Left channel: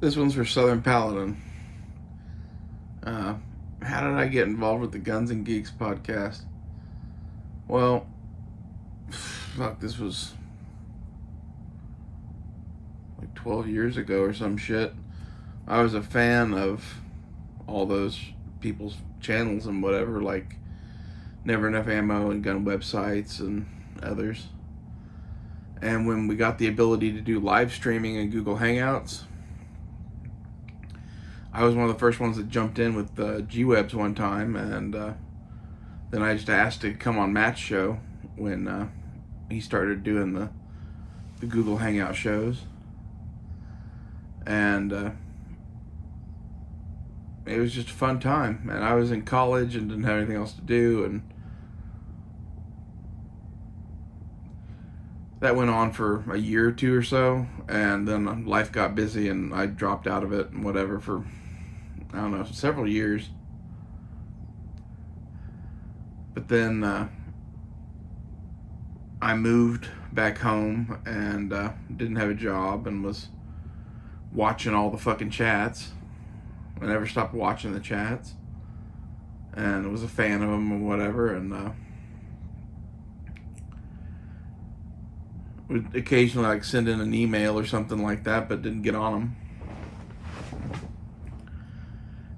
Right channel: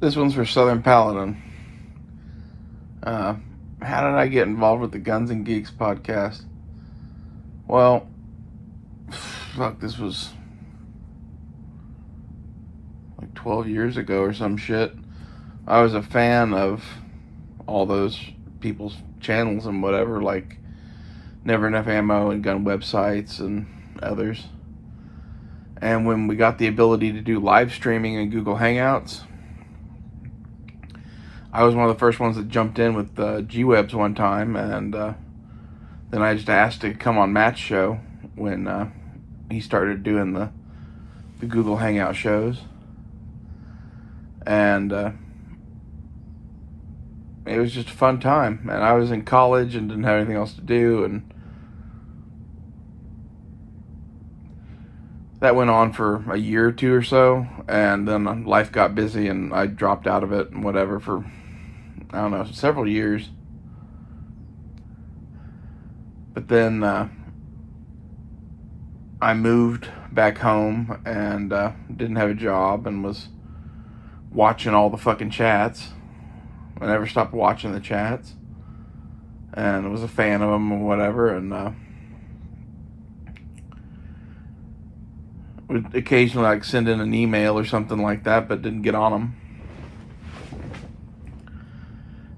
This one's for Southern Paladin. How did I get involved with the Guns and Geeks podcast? Well, fuck, this was like 12 years ago or some shit. I was a fan of all those people's channels and whatever, like Never Enough Ammo and gun websites and others. And when we got the ability to do live streaming in Google Hangouts, I was one of the first ones that jumped in with G-Webs one time, and then I just asked to come on Matt's show when he started doing the Google Hangout shows. And it was just a fun time. And I was in college and didn't have anything else to do, and that went on for a year or two or so, and then life got busy and I dropped out of it and whatever for, I don't know, several years. But then I moved back home and didn't have a job and was watching all the fucking chats. I never stopped watching the chats and was a fan of them or whatever, and would occasionally like send in an email or something like that, but didn't get on them.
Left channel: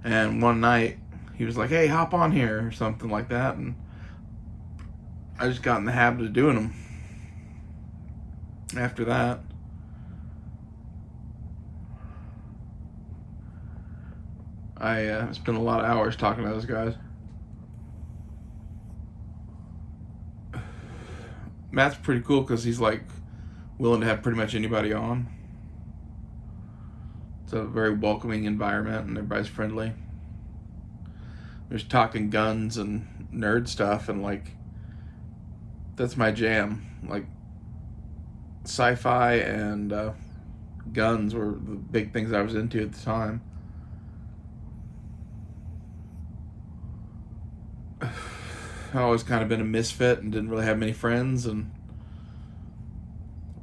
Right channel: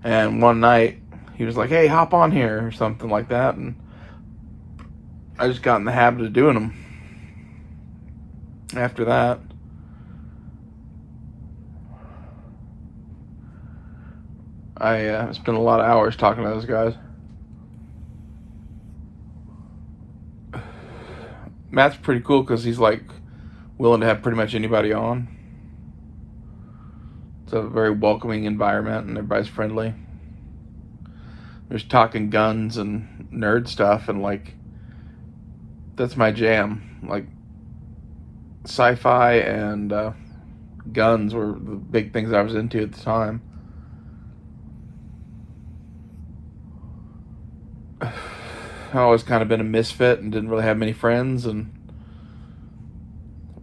And one night he was like, "Hey, hop on here," or something like that, and I just got in the habit of doing them. After that, I spent a lot of hours talking to those guys. Matt's pretty cool because he's like willing to have pretty much anybody on. It's a very welcoming environment and everybody's friendly. There's talking guns and nerd stuff, and like, that's my jam. Like, sci-fi and guns were the big things I was into at the time. I've always kind of been a misfit and didn't really have many friends, and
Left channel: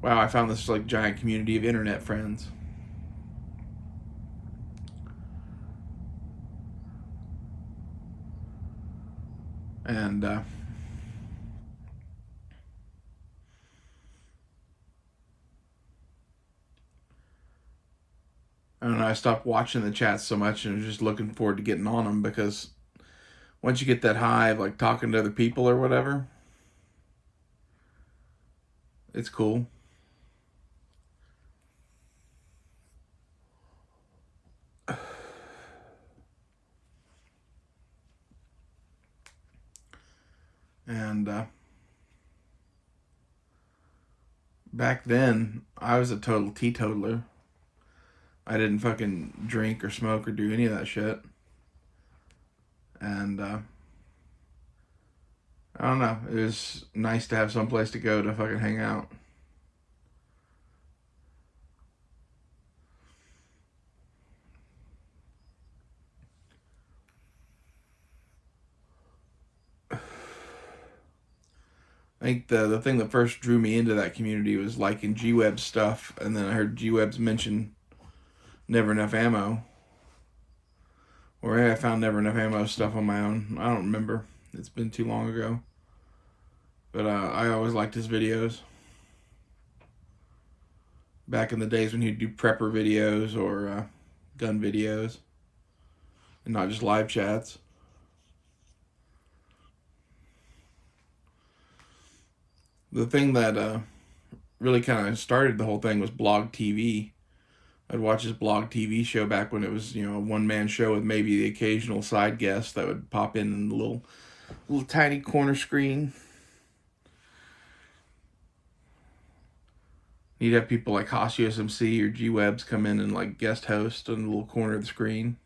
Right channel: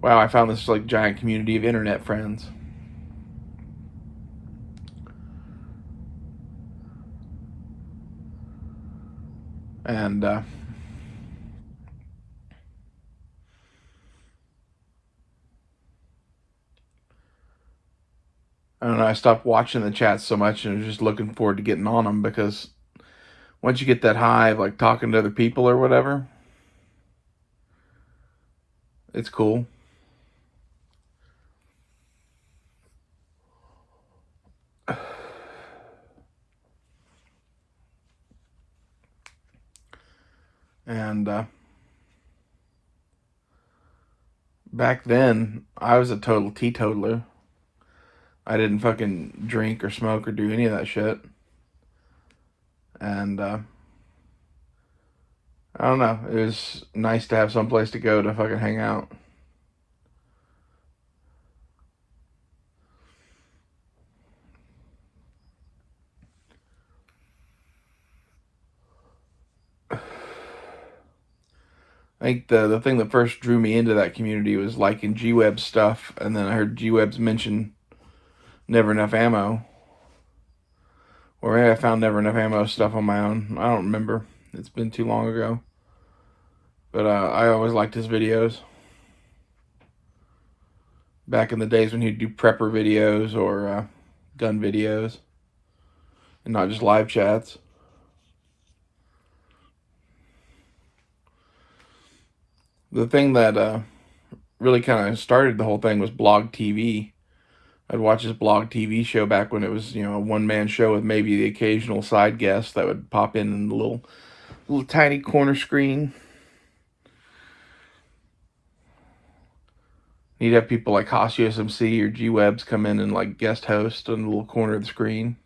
wow, I found this like giant community of internet friends. And I don't know, I stopped watching the chats so much and was just looking forward to getting on them, because once you get that high of like talking to other people or whatever, it's cool. And back then, I was a total teetotaler. I didn't fucking drink or smoke or do any of that shit. And I don't know, it was nice to have someplace to go to fucking hang out. I think the thing that first drew me into that community was liking G-Web stuff, and then I heard G-Webs mention Never Enough Ammo. Or maybe I found Never Enough Ammo stuff on my own. I don't remember. It's been too long ago. But I always liked his videos. Back in the days when he'd do prepper videos or gun videos. And not just live chats. The thing that really kind of started the whole thing was Blog TV. I'd watch his Blog TV show back when it was, you know, a one-man show with maybe the occasional side guest that would pop in the little tiny corner screen. He'd have people like Hosius MC or G-Webs come in and like guest host on the little corner of the screen.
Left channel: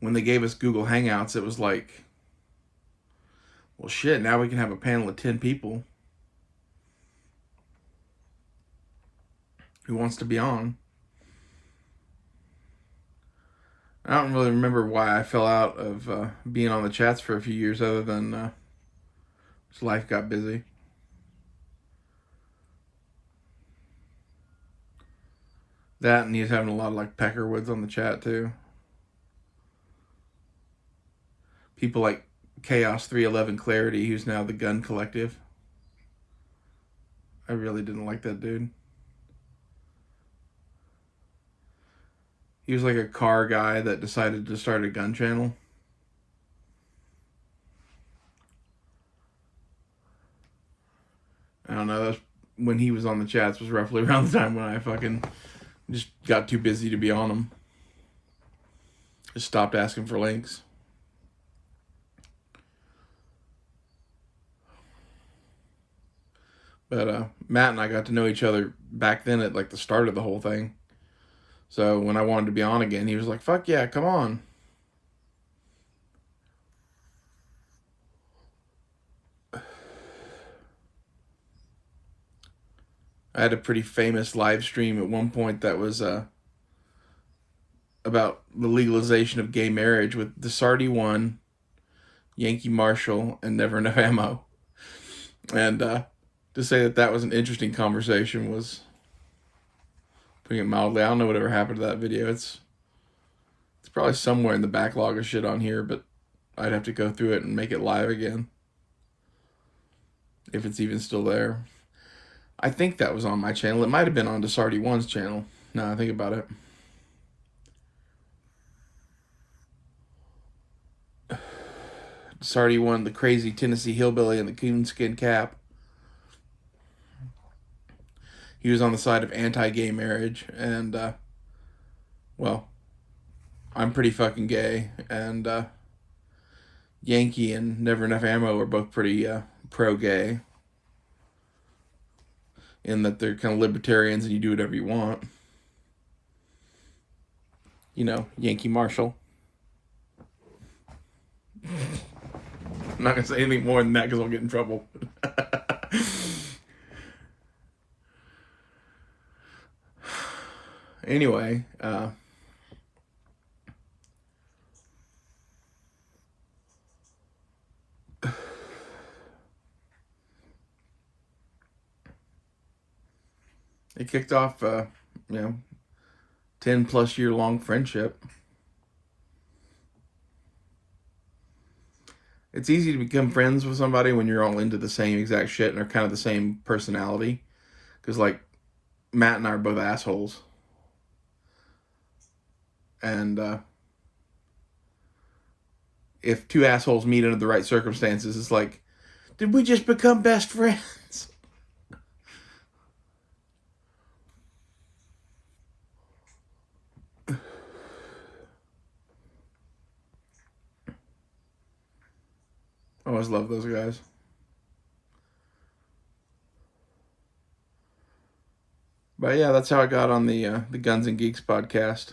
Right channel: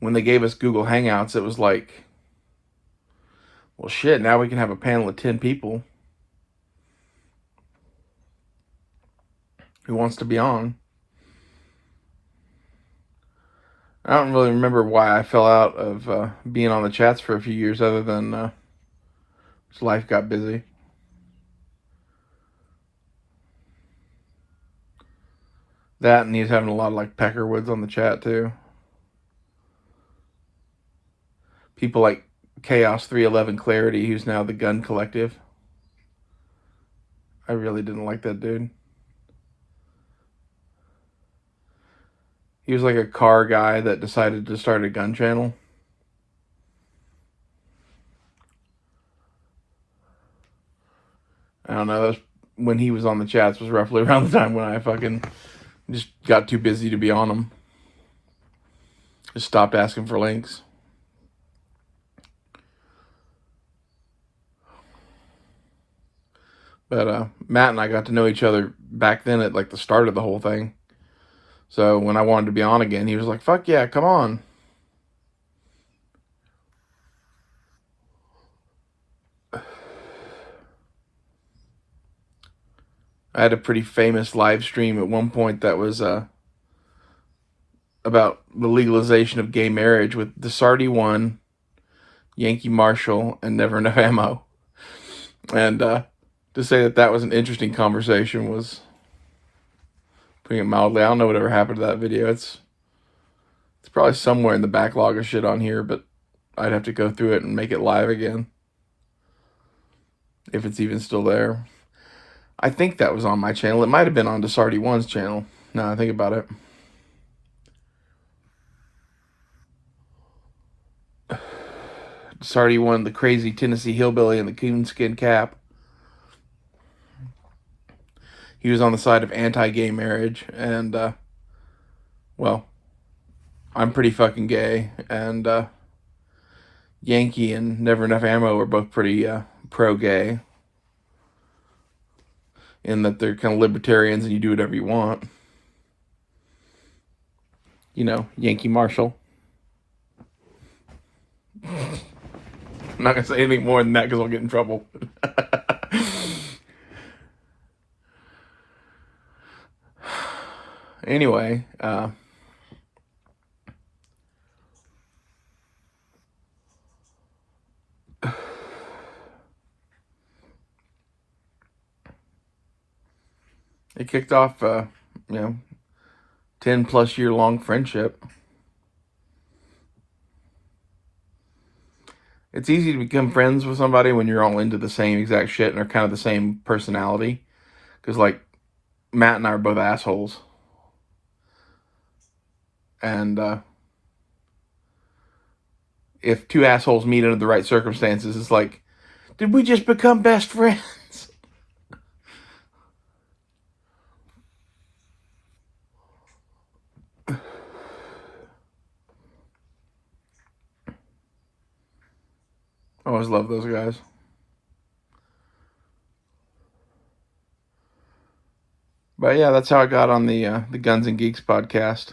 When they gave us Google Hangouts, it was like, well, shit, now we can have a panel of 10 people who wants to be on. I don't really remember why I fell out of being on the chats for a few years, other than life got busy. That, and he was having a lot of like Peckerwoods on the chat too. People like Chaos 311 Clarity, who's now the Gun Collective. I really didn't like that dude. He was like a car guy that decided to start a gun channel. I don't know. That's when he was on the chats was roughly around the time when I fucking just got too busy to be on them. Just stopped asking for links. But Matt and I got to know each other back then at like the start of the whole thing. So when I wanted to be on again, he was like, fuck yeah, come on. I had a pretty famous live stream at one point that was about the legalization of gay marriage with Desarty One, Yankee Marshall, and Never Enough Ammo. And to say that that was an interesting conversation was putting it mildly. I don't know whatever happened to that video. It's probably somewhere in the backlog of shit on here, but I'd have to go through it and make it live again, if it's even still there. I think that was on my channel. It might have been on Desarty One's channel, now I think about it. Desarty One, the crazy Tennessee hillbilly in the coonskin cap. He was on the side of anti-gay marriage, and, well, I'm pretty fucking gay, and Yankee and Never Enough Ammo were both pretty pro-gay, in that they're kind of libertarians and you do whatever you want. You know, Yankee Marshall. I'm not going to say anything more than that because I'll get in trouble. Anyway, it kicked off, 10 plus year long friendship. It's easy to become friends with somebody when you're all into the same exact shit and are kind of the same personality. Because, like, Matt and I are both assholes. And if two assholes meet under the right circumstances, it's like, did we just become best friends? I always love those guys. But yeah, that's how I got on the Guns and Geeks podcast.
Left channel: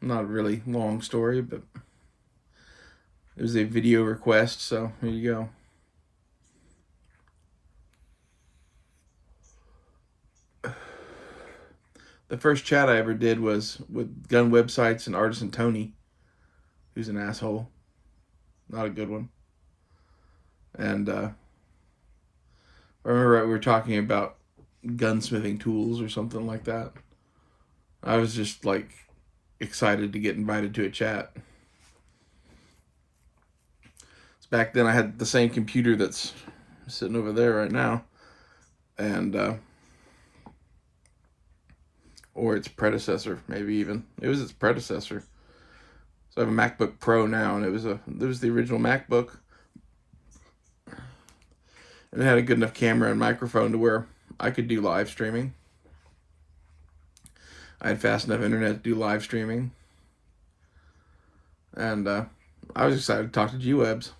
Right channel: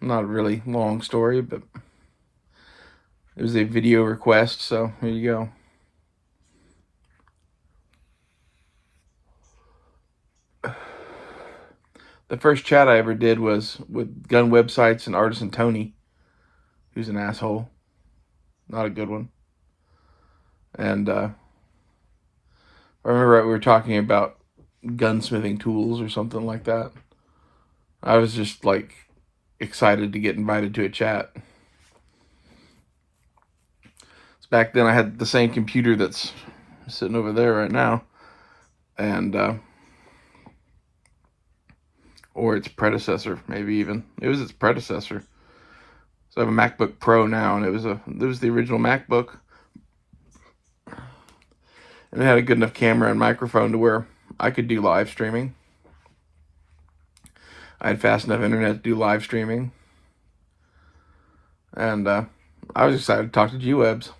Not a really long story, but it was a video request, so here you go. The first chat I ever did was with Gun Websites and Artisan Tony, who's an asshole. Not a good one. And I remember we were talking about gunsmithing tools or something like that. I was just like excited to get invited to a chat. So back then I had the same computer that's sitting over there right now, and or its predecessor, maybe even. It was its predecessor. So I have a MacBook Pro now, and it was the original MacBook. And it had a good enough camera and microphone to where I could do live streaming. I had fast enough internet to do live streaming. And I was excited to talk to G-Webs.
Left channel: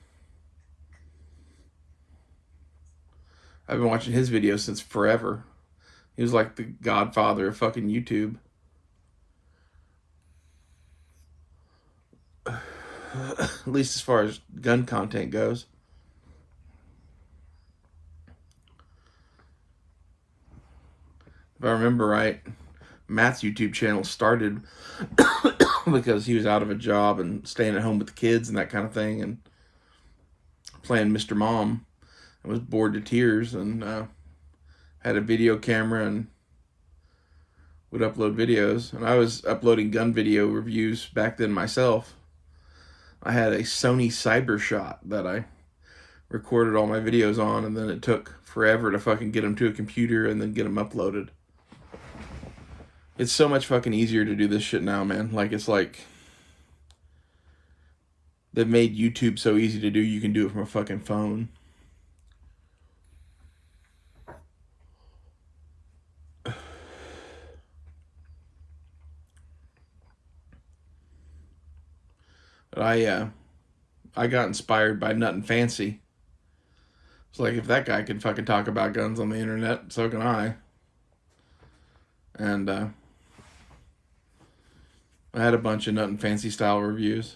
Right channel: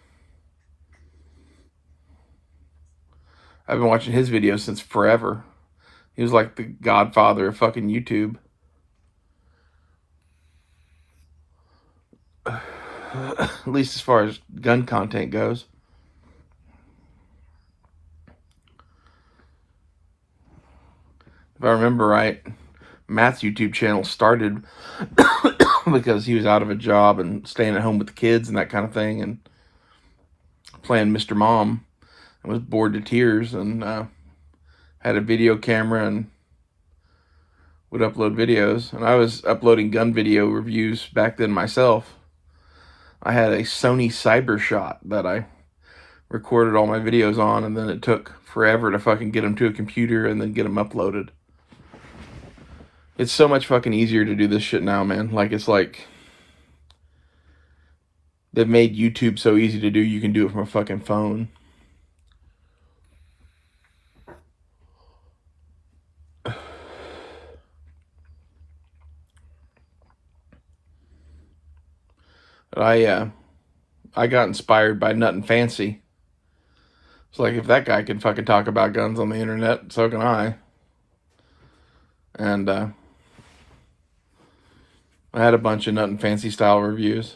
I've been watching his videos since forever. He was like the godfather of fucking YouTube. At least as far as gun content goes. If I remember right, Matt's YouTube channel started because he was out of a job and staying at home with the kids and that kind of thing, and playing Mr. Mom, and was bored to tears, and had a video camera and would upload videos, and I was uploading gun video reviews back then myself. I had a Sony Cybershot that I recorded all my videos on, and then it took forever to fucking get them to a computer and then get them uploaded. It's so much fucking easier to do this shit now, man. Like, it's like they've made YouTube so easy to do, you can do it from a fucking phone. But I got inspired by Nut and Fancy. It's like, if that guy can fucking talk about guns on the internet, so can I. And I had a bunch of Nut and Fancy style reviews.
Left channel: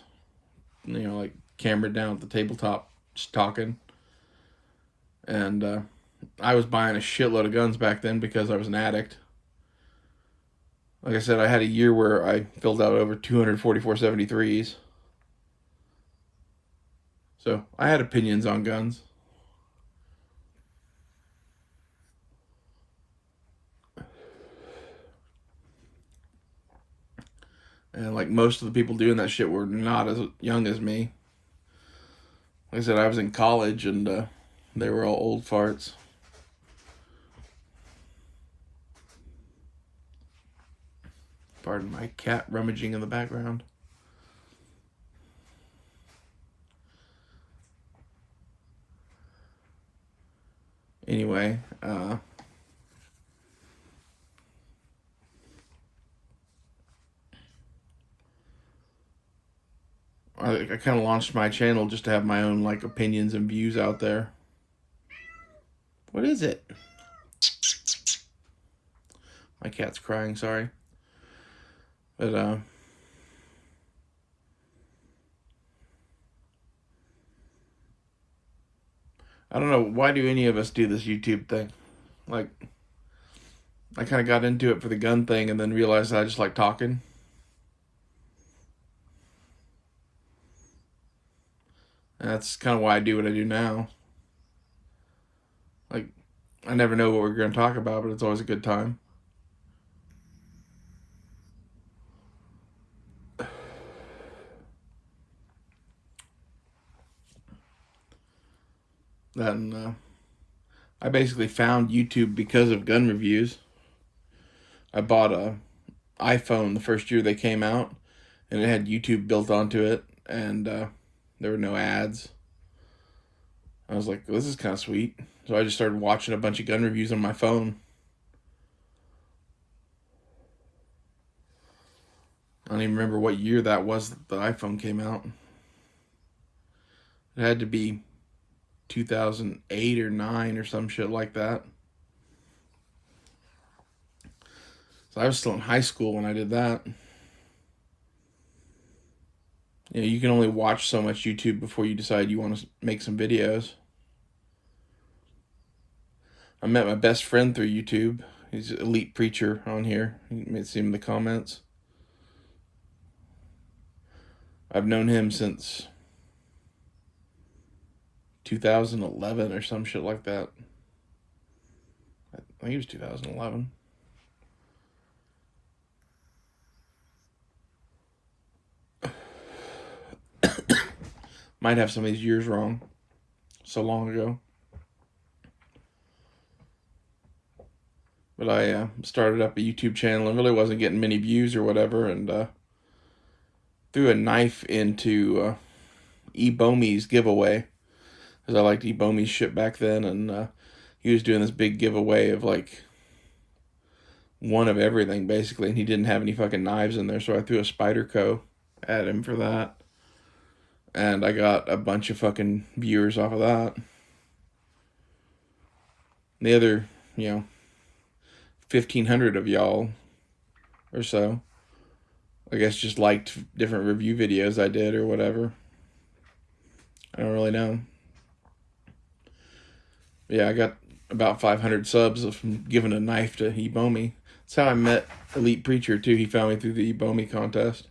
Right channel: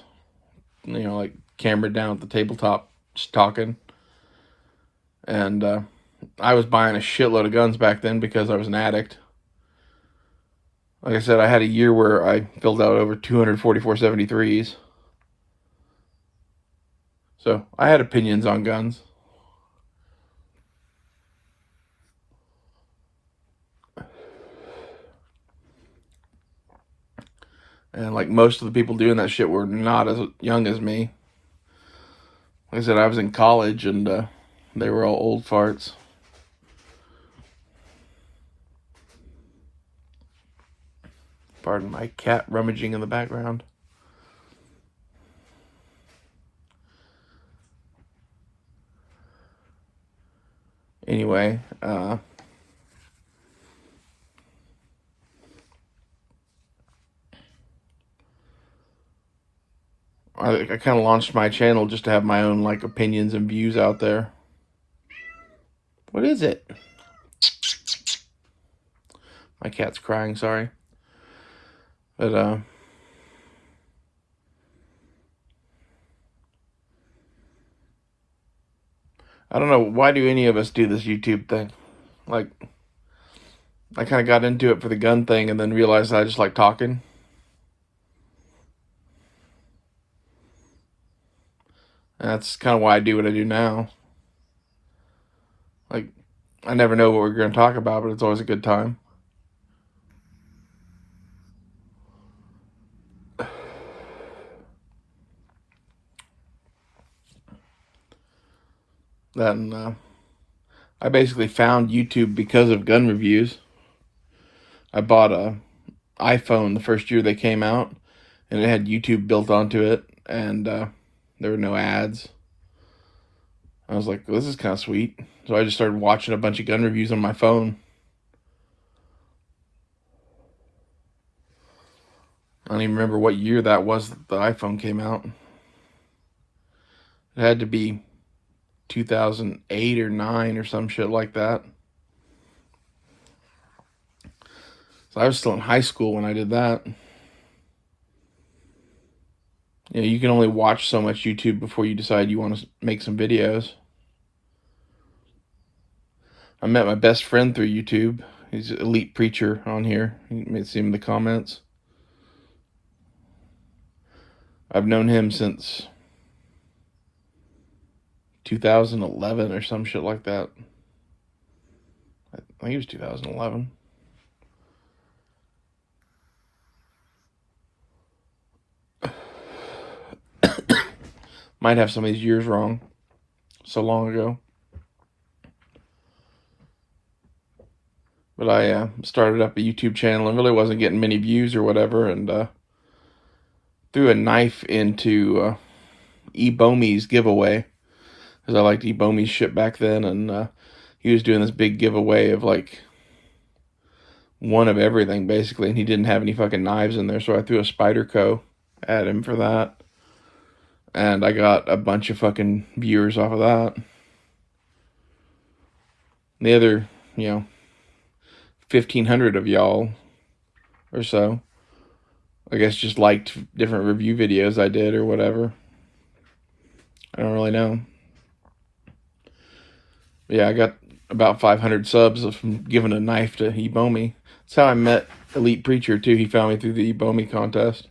You know, like camera down at the tabletop, just talking. And I was buying a shitload of guns back then because I was an addict. Like I said, I had a year where I filled out over 244 73s. So I had opinions on guns. And like most of the people doing that shit were not as young as me. Like I said, I was in college and they were all old farts. Pardon my cat rummaging in the background. Anyway, I kind of launched my channel just to have my own like opinions and views out there. What is it? My cat's crying, sorry. But I don't know, why do any of us do this YouTube thing? Like, I kind of got into it for the gun thing and then realized I just like talking. And that's kind of why I do what I do now. Like, I never know what we're going to talk about, but it's always a good time. Then I basically found YouTube because of gun reviews. I bought a iPhone the first year they came out, and it had YouTube built onto it, and there were no ads. I was like, well, this is kind of sweet. So I just started watching a bunch of gun reviews on my phone. I don't even remember what year that was that the iPhone came out. It had to be 2008 or 9 or some shit like that. So I was still in high school when I did that. You know, you can only watch so much YouTube before you decide you want to make some videos. I met my best friend through YouTube. He's an elite preacher on here. You may see him in the comments. I've known him since 2011 or some shit like that. I think it was 2011. Might have some of these years wrong. So long ago. But I started up a YouTube channel and really wasn't getting many views or whatever, and threw a knife into E-Bomey's giveaway, because I liked E-Bomey's shit back then, and he was doing this big giveaway of like one of everything basically, and he didn't have any fucking knives in there, so I threw a Spyderco at him for that, and I got a bunch of fucking viewers off of that. The other, 1,500 of y'all or so, I guess, just liked different review videos I did or whatever. I don't really know. But yeah, I got about 500 subs from giving a knife to E-Bomey. That's how I met Elite Preacher too. He found me through the E-Bomey contest.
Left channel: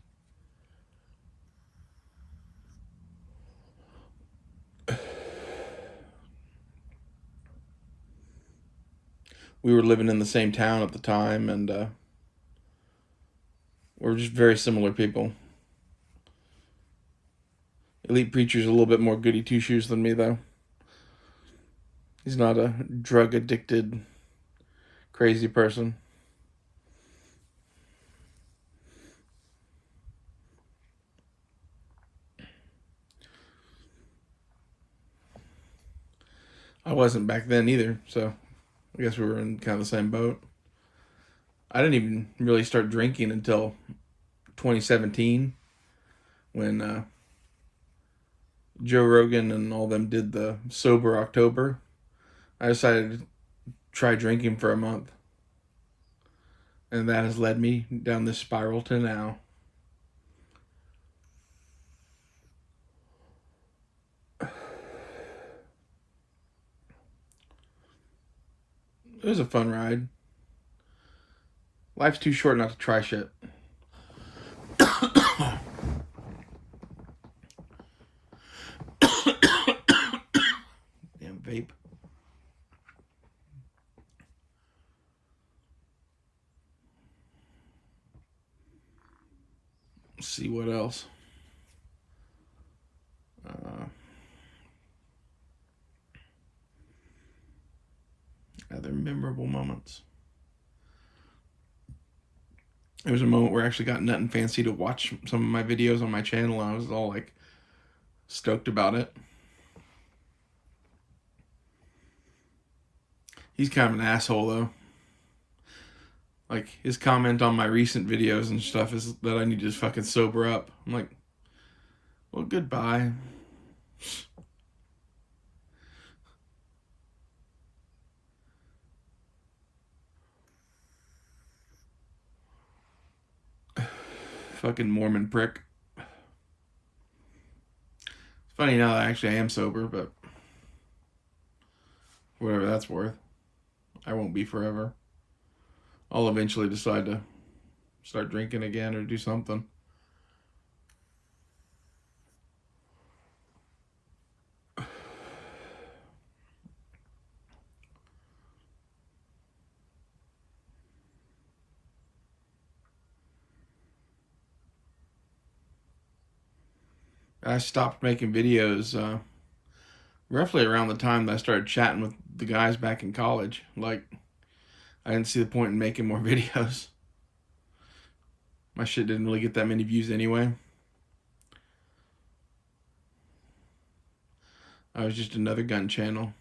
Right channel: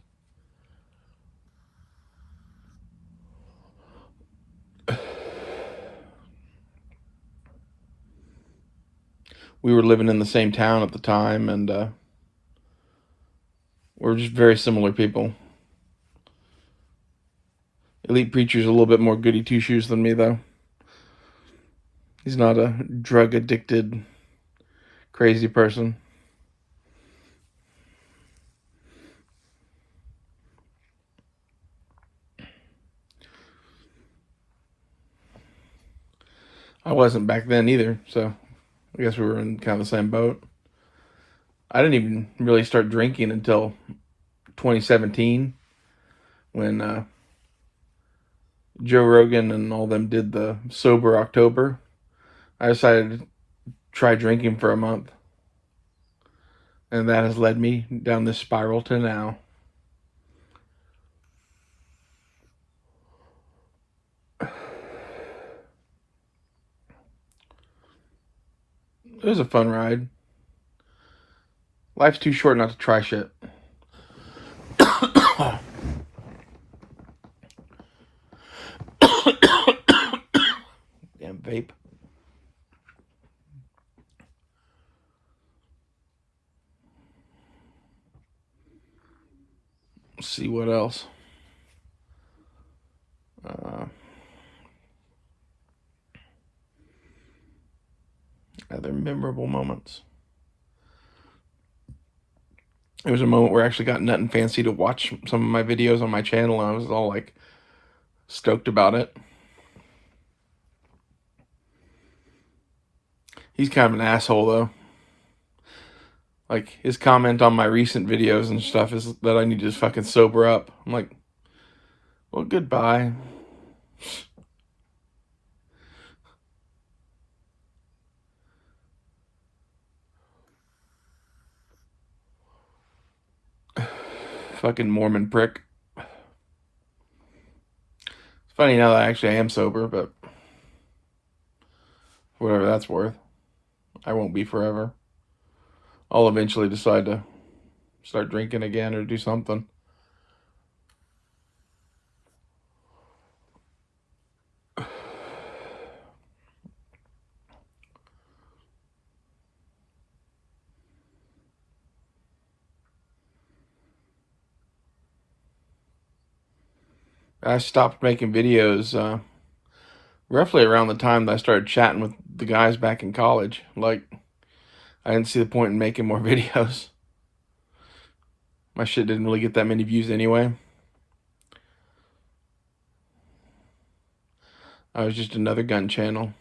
We were living in the same town at the time, and We're just very similar people. Elite Preacher's a little bit more goody two-shoes than me, though. He's not a drug-addicted, crazy person. I wasn't back then either, so I guess we were in kind of the same boat. I didn't even really start drinking until 2017 when Joe Rogan and all them did the Sober October. I decided to try drinking for a month. And that has led me down this spiral to now. It was a fun ride. Life's too short not to try shit. Damn vape. Let's see what else. Other memorable moments. There was a moment where I actually got Nut and Fancy to watch some of my videos on my channel, and I was all like stoked about it. He's kind of an asshole though. Like, his comment on my recent videos and stuff is that I need to fucking sober up. I'm like, well, goodbye. Fucking Mormon prick. It's funny now that I am sober, but whatever that's worth. I won't be forever. I'll eventually decide to start drinking again or do something. I stopped making videos roughly around the time that I started chatting with the guys back in college. Like, I didn't see the point in making more videos. My shit didn't really get that many views anyway. I was just another gun channel.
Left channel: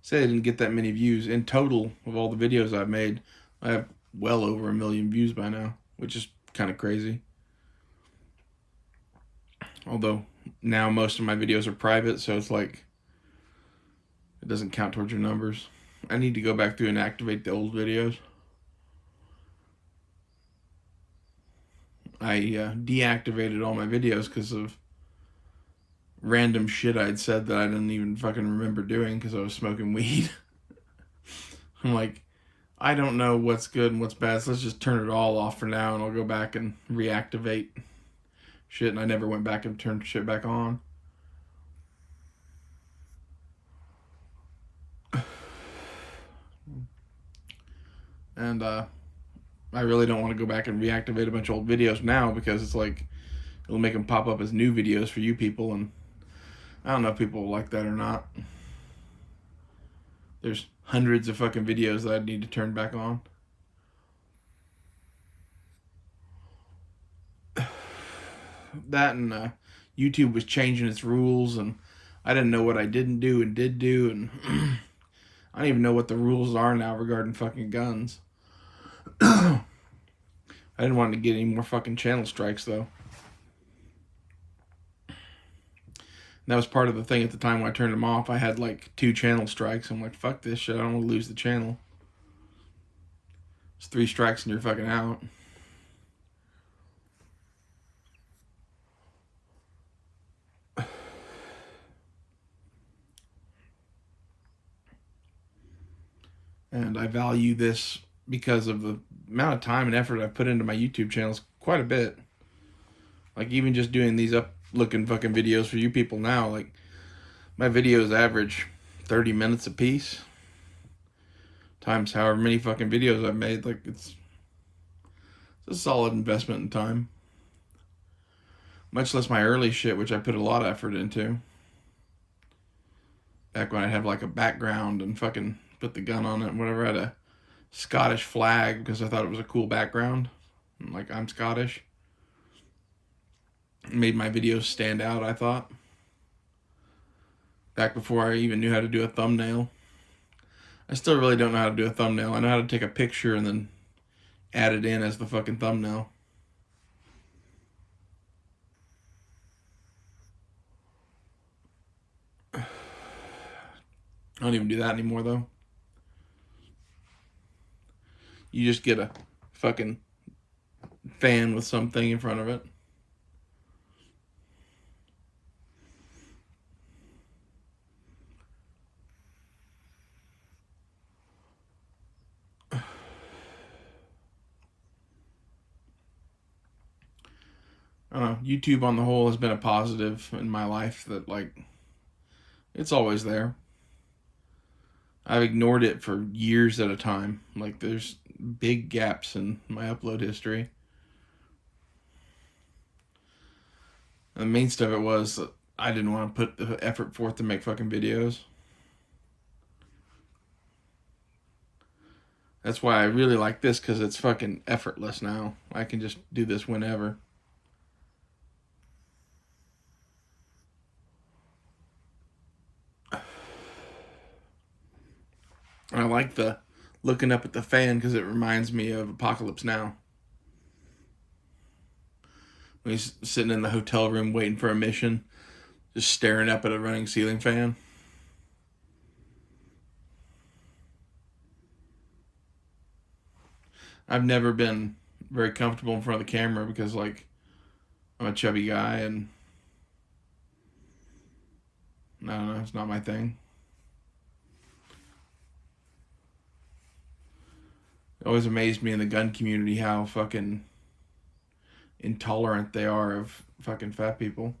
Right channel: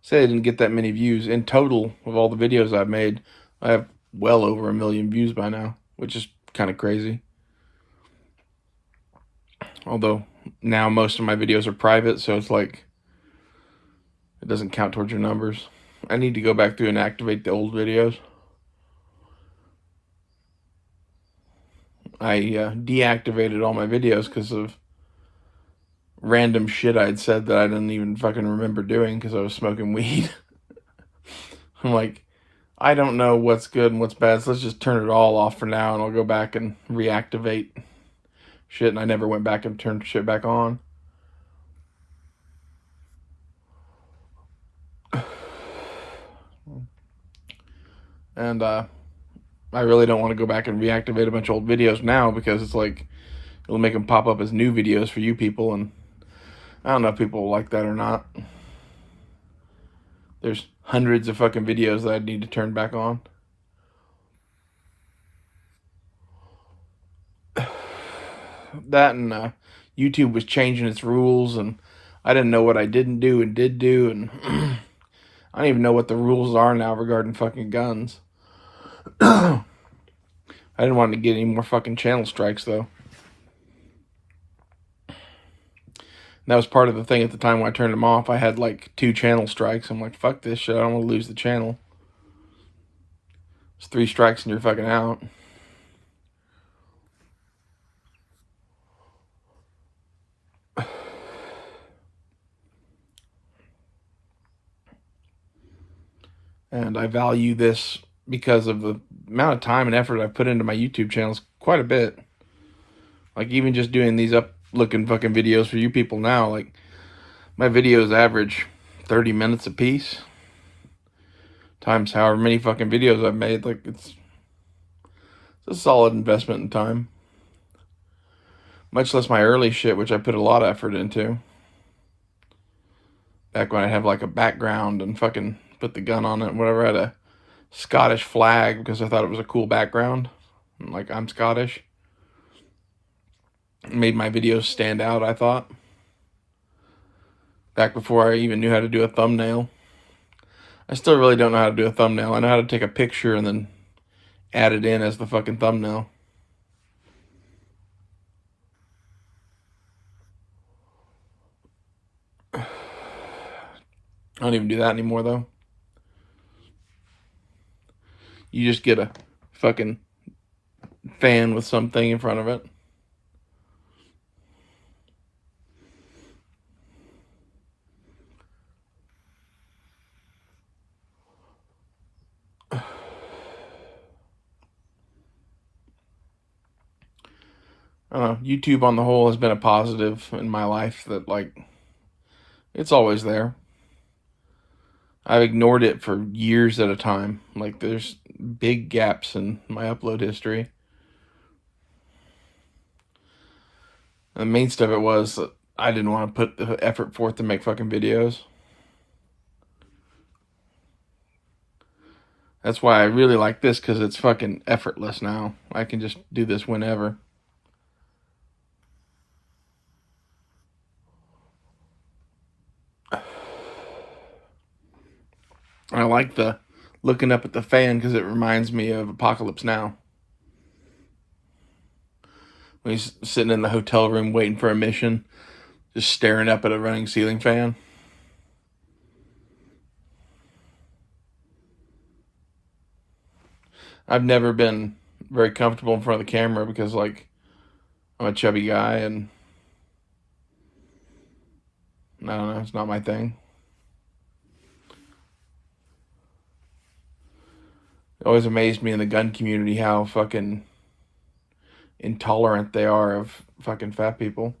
Say I didn't get that many views. In total, of all the videos I've made, I have well over 1 million views by now, which is kind of crazy. Although now most of my videos are private, so it's like it doesn't count towards your numbers. I need to go back through and activate the old videos. I deactivated all my videos because of random shit I'd said that I didn't even fucking remember doing because I was smoking weed. I'm like, I don't know what's good and what's bad, so let's just turn it all off for now, and I'll go back and reactivate shit, and I never went back and turned shit back on. And I really don't want to go back and reactivate a bunch of old videos now because it's like, it'll make them pop up as new videos for you people, and I don't know if people will like that or not. There's hundreds of fucking videos that I need to turn back on. That and YouTube was changing its rules, and I didn't know what I didn't do and did do, and I don't even know what the rules are now regarding fucking guns. I didn't want to get any more fucking channel strikes, though. That was part of the thing at the time when I turned them off. I had like 2 channel strikes. I'm like, fuck this shit. I don't want to lose the channel. It's 3 strikes and you're fucking out. And I value this because of the amount of time and effort I've put into my YouTube channels quite a bit. Like, even just doing these up looking fucking videos for you people now, like, my videos average 30 minutes a piece times however many fucking videos I've made. Like, it's a solid investment in time. Much less my early shit, which I put a lot of effort into. Back when I have like a background and fucking put the gun on it and whatever. I had a Scottish flag because I thought it was a cool background. Like, I'm Scottish. It made my videos stand out, I thought. Back before I even knew how to do a thumbnail. I still really don't know how to do a thumbnail. I know how to take a picture and then add it in as the fucking thumbnail. I don't even do that anymore, though. You just get a fucking fan with something in front of it. I don't know. YouTube on the whole has been a positive in my life that, like, it's always there. I've ignored it for years at a time. Like, there's big gaps in my upload history. And the main stuff it was that I didn't want to put the effort forth to make fucking videos. That's why I really like this, because it's fucking effortless now. I can just do this whenever. I like the looking up at the fan because it reminds me of Apocalypse Now. When he's sitting in the hotel room waiting for a mission, just staring up at a running ceiling fan. I've never been very comfortable in front of the camera because, like, I'm a chubby guy and I don't know, it's not my thing. It always amazed me in the gun community how fucking intolerant they are of fucking fat people.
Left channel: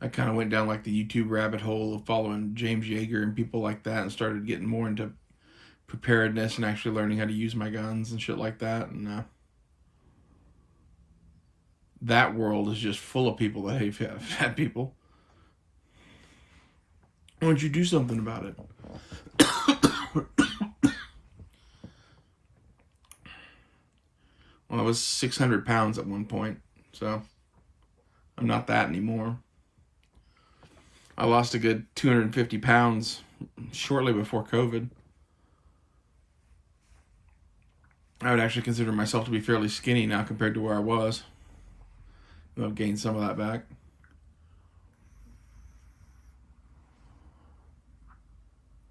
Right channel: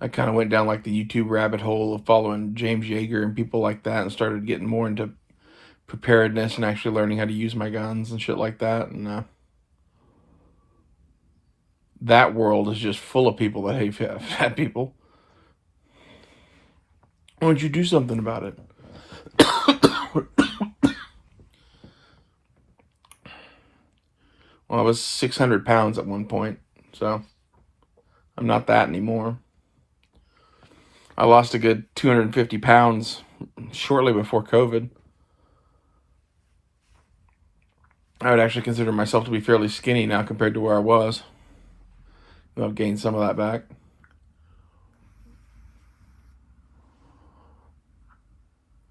I kind of went down like the YouTube rabbit hole of following James Yeager and people like that and started getting more into preparedness and actually learning how to use my guns and shit like that. And that world is just full of people that hate fat people. Why don't you do something about it? Well, I was 600 pounds at one point, so I'm not that anymore. I lost a good 250 pounds shortly before COVID. I would actually consider myself to be fairly skinny now compared to where I was. I've gained some of that back.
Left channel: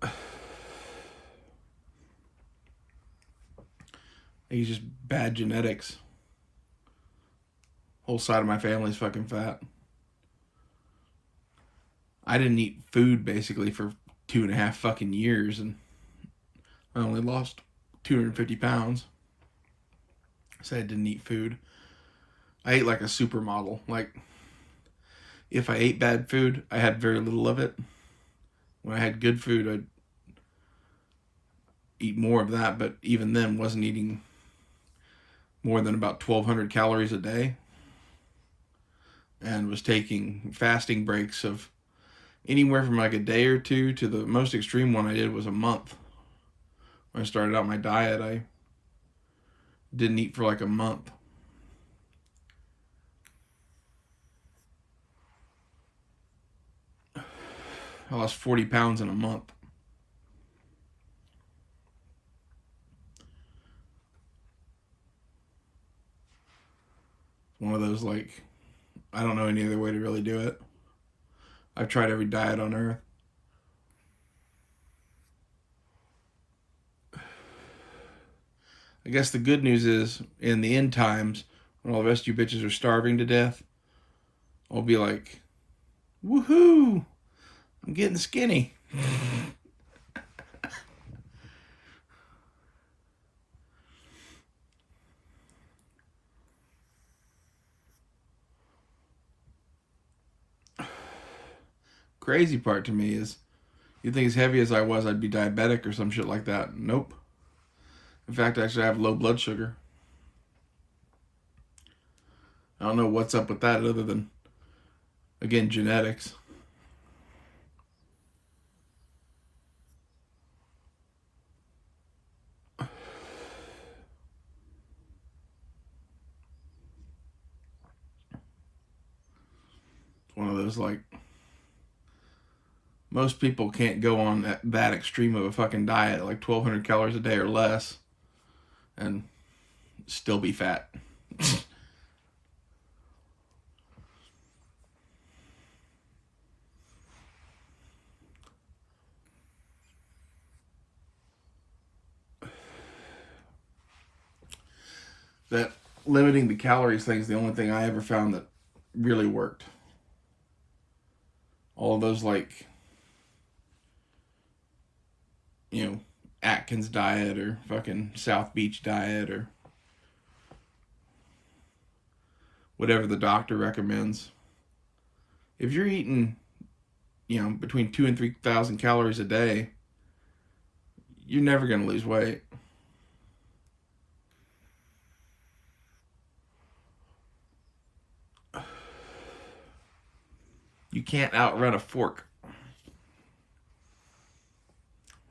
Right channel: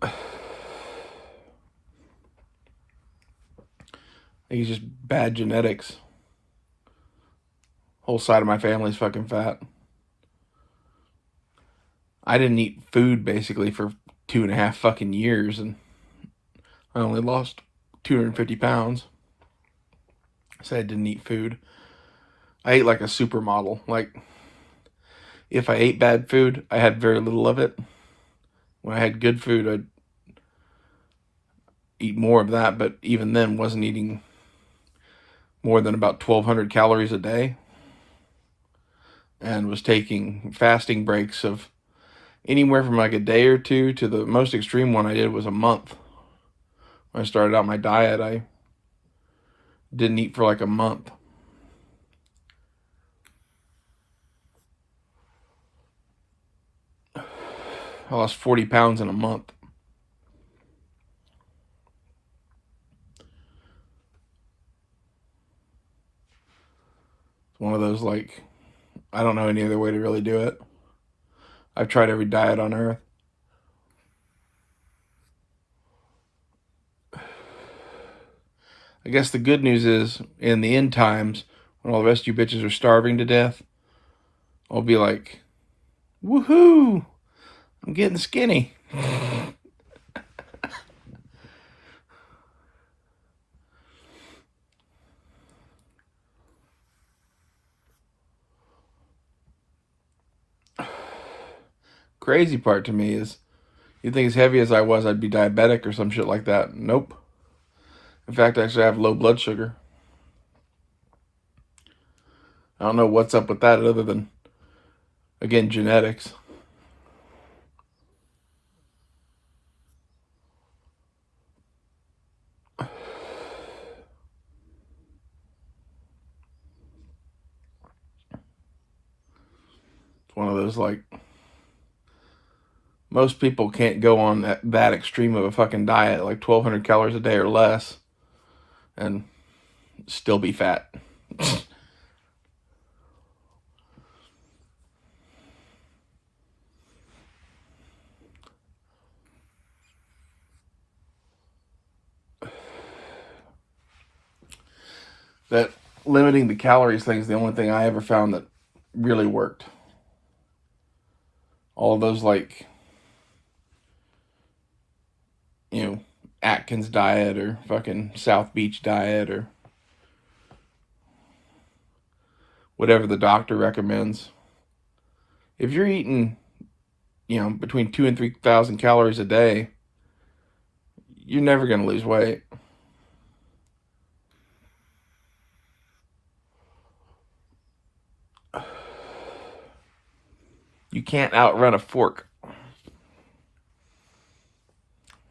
I think it's just bad genetics. Whole side of my family's fucking fat. I didn't eat food basically for 2.5 fucking years, and I only lost 250 pounds. So I didn't eat food. I ate like a supermodel. Like, if I ate bad food, I had very little of it. When I had good food, I'd eat more of that, but even then wasn't eating more than about 1,200 calories a day, and was taking fasting breaks of anywhere from like a day or two to the most extreme one I did was a month. When I started out my diet, I didn't eat for like a month. I lost 40 pounds in a month. It's one of those, like, I don't know any other way to really do it. I've tried every diet on earth. I guess the good news is, in the end times, when all the rest of you bitches are starving to death, I'll be like, woohoo, I'm getting skinny. Crazy part to me is, you'd think as heavy as I was, I'd be diabetic or some shit like that. Nope. In fact, actually, I have low blood sugar. I don't know what's up with that other than, again, genetics. It's one of those, like, most people can't go on that extreme of a fucking diet, like 1,200 calories a day or less, and still be fat. That limiting the calories thing is the only thing I ever found that really worked. All those, like, you know, Atkins diet or fucking South Beach diet or whatever the doctor recommends. If you're eating, you know, between 2,000 and 3,000 calories a day, you're never going to lose weight. You can't outrun a fork.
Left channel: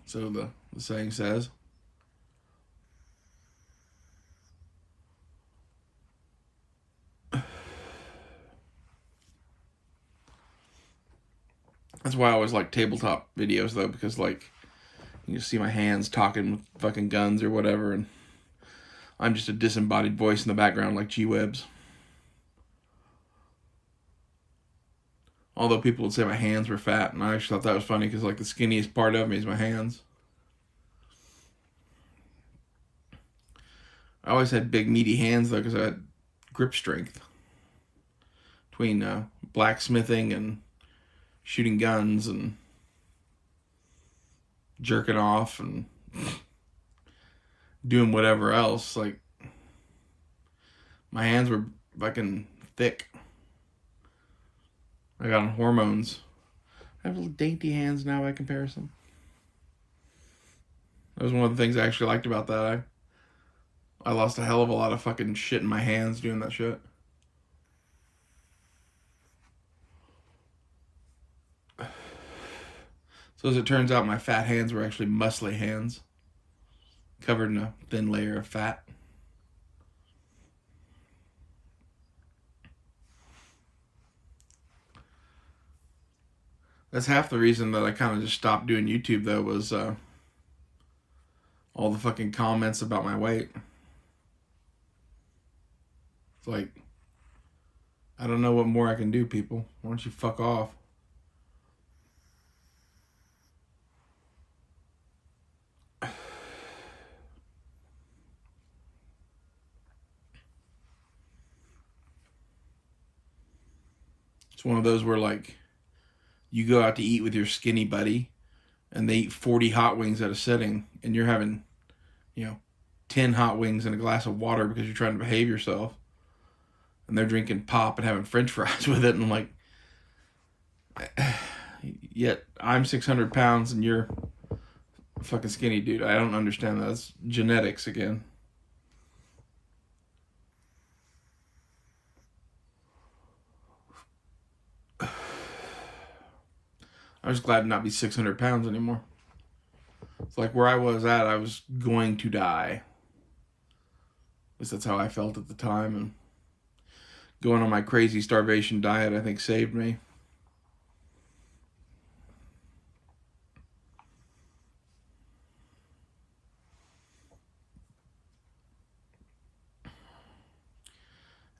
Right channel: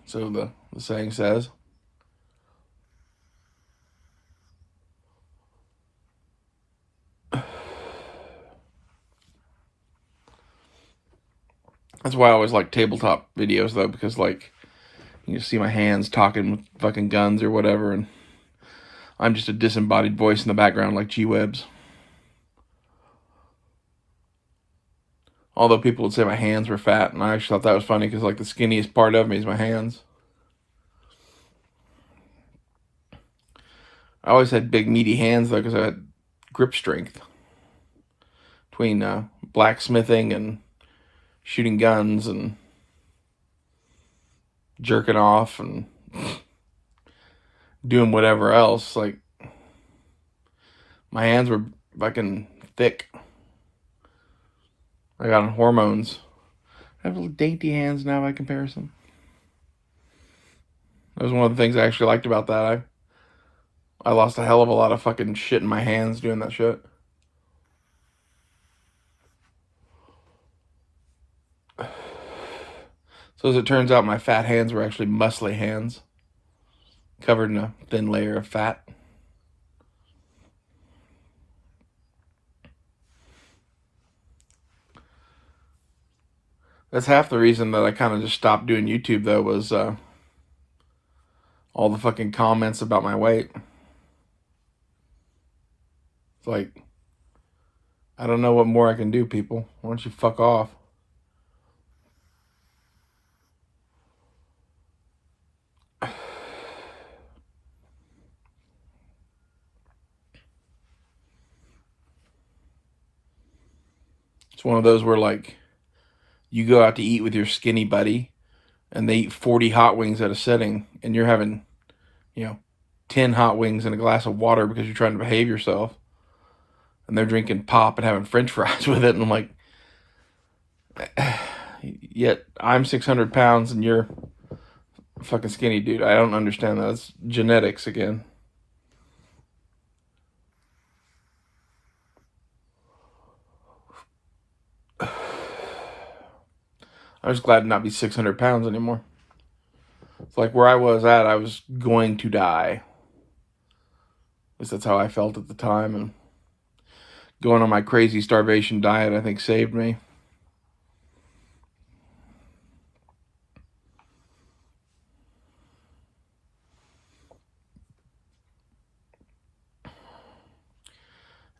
So the saying says. That's why I always like tabletop videos, though, because, like, you see my hands talking with fucking guns or whatever, and I'm just a disembodied voice in the background like G-Webs. Although people would say my hands were fat, and I actually thought that was funny because, like, the skinniest part of me is my hands. I always had big, meaty hands, though, because I had grip strength. Between blacksmithing and shooting guns and jerking off and doing whatever else, like, my hands were fucking thick. I got on hormones. I have little dainty hands now by comparison. That was one of the things I actually liked about that. I lost a hell of a lot of fucking shit in my hands doing that shit. So as it turns out, my fat hands were actually muscly hands, covered in a thin layer of fat. That's half the reason that I kind of just stopped doing YouTube, though, was all the fucking comments about my weight. It's like, I don't know what more I can do, people. Why don't you fuck off? It's one of those where, like, you go out to eat with your skinny buddy and they eat 40 hot wings at a sitting, and you're having, you know, 10 hot wings and a glass of water because you're trying to behave yourself, and they're drinking pop and having french fries with it, and I'm like, yet I'm 600 pounds and you're a fucking skinny dude. I don't understand that. It's genetics again. I'm just glad to not be 600 pounds anymore. It's like where I was at, I was going to die. At least that's how I felt at the time. And going on my crazy starvation diet, I think, saved me.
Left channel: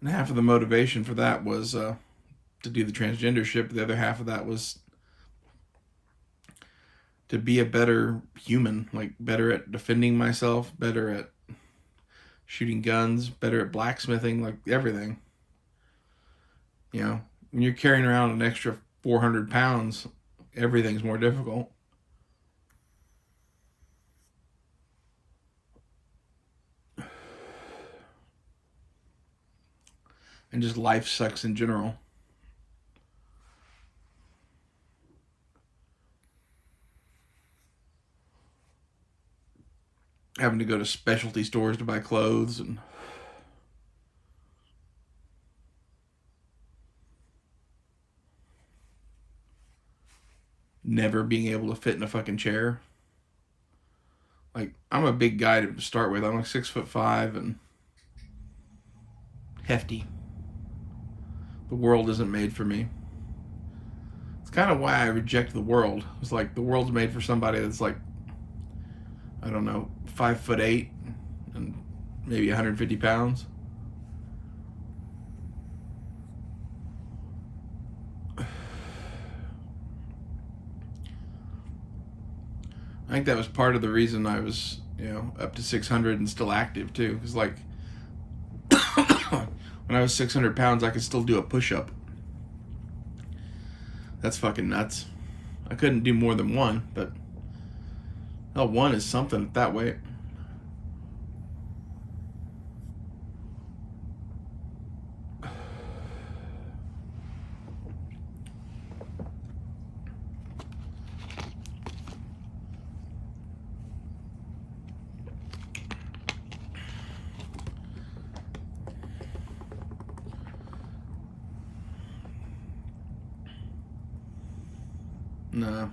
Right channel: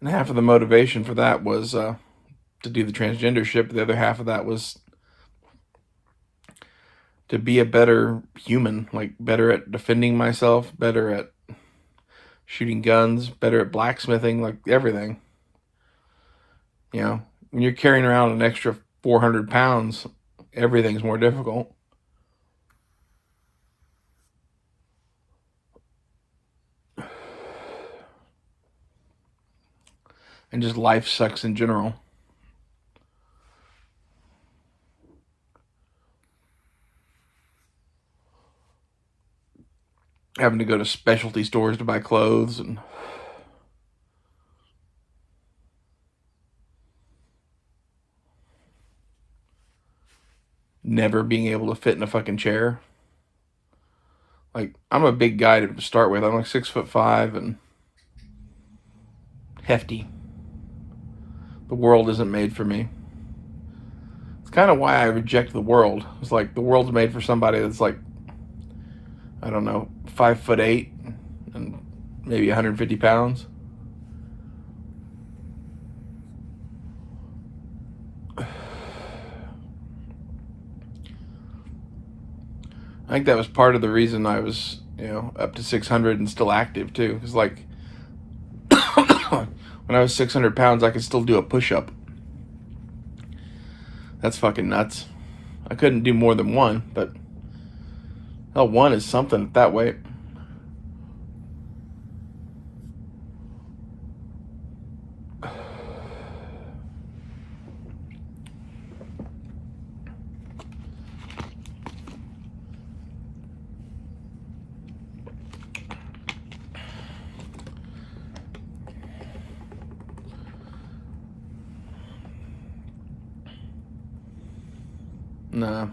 And half of the motivation for that was to do the transgender shit. But the other half of that was to be a better human, like better at defending myself, better at shooting guns, better at blacksmithing, like everything. You know, when you're carrying around an extra 400 pounds, everything's more difficult. And just life sucks in general. Having to go to specialty stores to buy clothes and never being able to fit in a fucking chair. Like, I'm a big guy to start with. I'm like 6'5" and hefty. The world isn't made for me. It's kind of why I reject the world. It's like the world's made for somebody that's like, I don't know, 5'8" and maybe 150 pounds. I think that was part of the reason I was, up to 600 and still active too. Because like, when I was 600 pounds, I could still do a push-up. That's fucking nuts. I couldn't do more than one, but hell, one is something at that weight. Nah.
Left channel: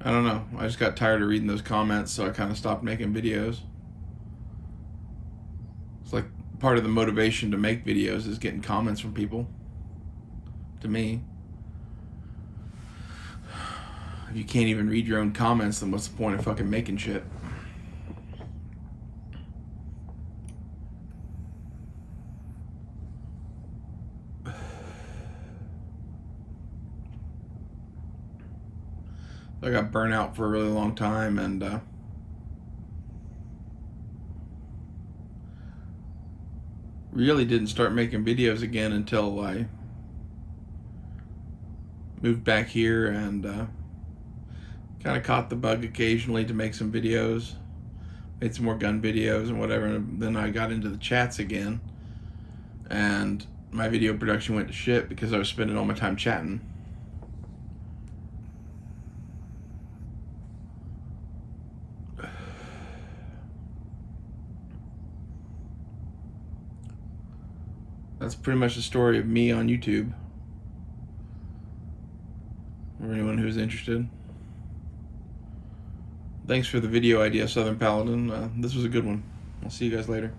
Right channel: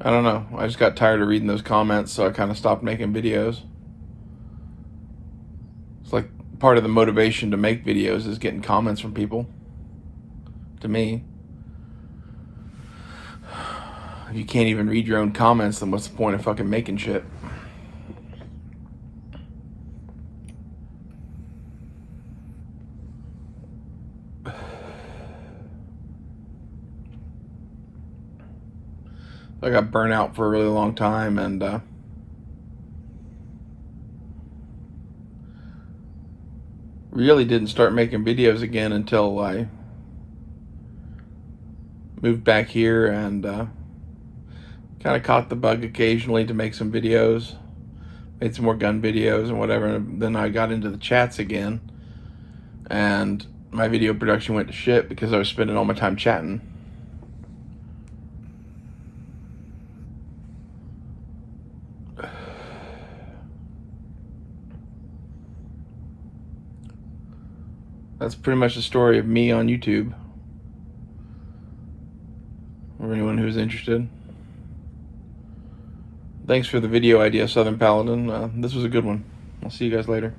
I don't know. I just got tired of reading those comments, so I kind of stopped making videos. It's like part of the motivation to make videos is getting comments from people. To me. If you can't even read your own comments, then what's the point of fucking making shit? I got burnt out for a really long time, and really didn't start making videos again until I moved back here and kind of caught the bug occasionally to make some videos. Made some more gun videos and whatever. And then I got into the chats again, and my video production went to shit because I was spending all my time chatting. That's pretty much the story of me on YouTube. For anyone who's interested. Thanks for the video idea, Southern Paladin. This was a good one. I'll see you guys later.